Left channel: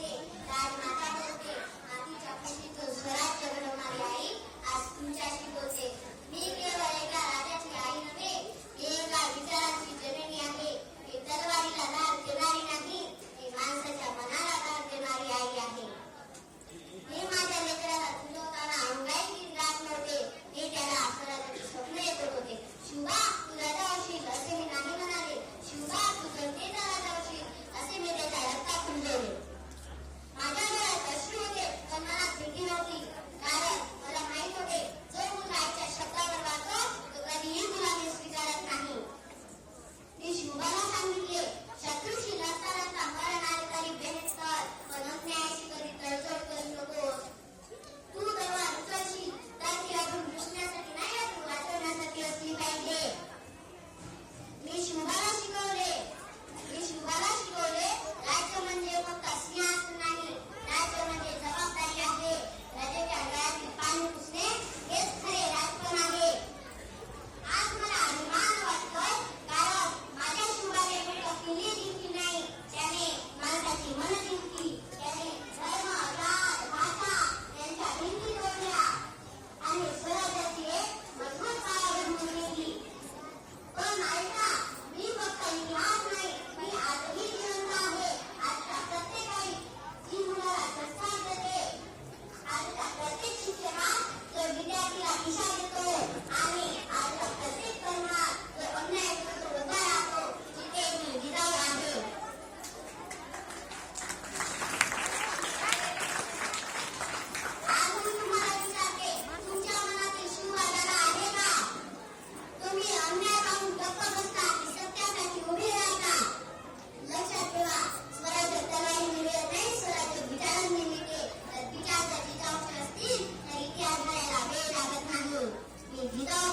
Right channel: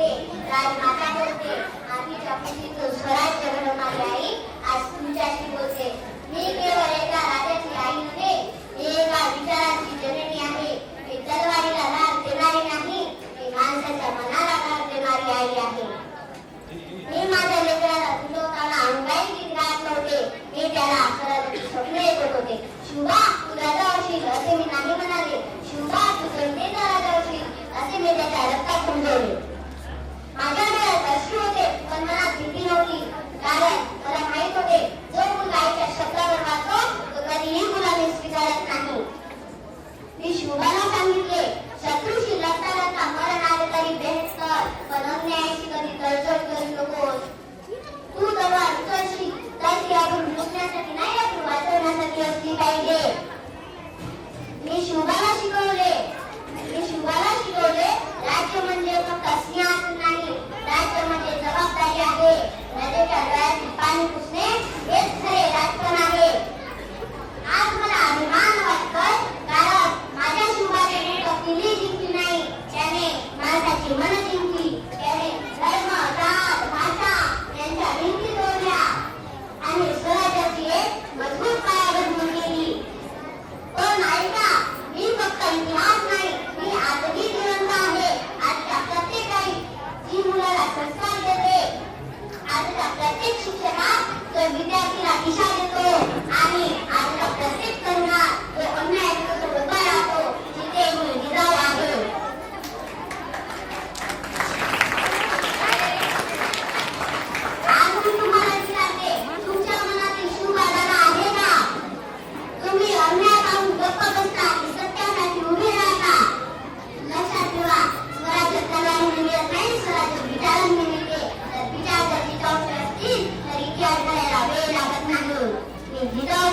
बोलते, राजमाता बोलते, मातीच्या कुशीतून स्वराज्य घडवणारी आई आज तुमच्याशी बोलते. मी केवळ एका राजाची आई नव्हे, मी एका विचाराची जननी आहे. मी तलवारीला धार देणारी नाही, मी माणसाच्या मनाला धार देणारी आई आहे. मी माझ्या लेकराला फुलवताना अंगाई गीत गात नव्हते, मी त्याला स्वराज्याची स्वप्न ऐकत होते. शिवबा तू राजा होशील असे मी नाही म्हणाले, शिवबा तू जनतेचा राजा होशील असे मी त्याच्या रक्तात समजवले. माझ्या डोळ्यात अश्रू होते पण मनात भीती नव्हती, कारण मला माहित होते जो मुलगा आईच्या शब्दावर वागतो तो कधीही गुलामी स्वीकारत नाही. मी शिवबाला सांगितले, शत्रूशी लढता लढता मरण आले तरी बेहेस कर, पण अन्यायाशी कधी तडजोड करू नकोस. तू तलवार उचलशील तर ती आपण लुटण्यासाठी नाही, आपण वाचवण्यासाठी असली पाहिजे. मी शिवबाला शिकवले राज्य म्हणजे फक्त सिंहासन नाही, राज्य म्हणजे जबाबदारी आहे. नदीच्या डोळ्यात पाणी पुसणे हेच खरे राजकारण आहे. आज मला अभिमान वाटतोय, कारण माझ्या शिवबाने फक्त दिल्ली जिंकली नाही, त्याने माणसाची मन जिंकली. त्याने धर्म, जात, भाषा यांच्या भिंती तोडल्या आणि स्वराज्याची एक मजबूत पायाभरणी केली. पण ऐका, मी फक्त इतिहास नाही, मी आजही जिवंत आहे. आजच्या प्रत्येक आई जी मुलाला संस्कार देते, आजच्या प्रत्येक शिक्षकात जो विद्यार्थीला दिशा देतो, आणि आजच्या प्रत्येक तरुणात जो अन्यायाविरुद्ध उभा राहतो, जिथे मूळ जिजाऊ आहे. आज मी तुम्हाला विचारते, तुमच्या मनातील शिवबाला आहे का? तुम्ही अन्याय पाहून गप्प बसता की सत्यासाठी उभे राहता? लक्षात ठेवा, स्वराज्य तलवारीने मिळत नाही, स्वराज्य विचारांनी मिळते. तर विचार जर जिजाऊचे असतील तर इतिहास घडायला वेळ लागत नाही. मी जिजाऊ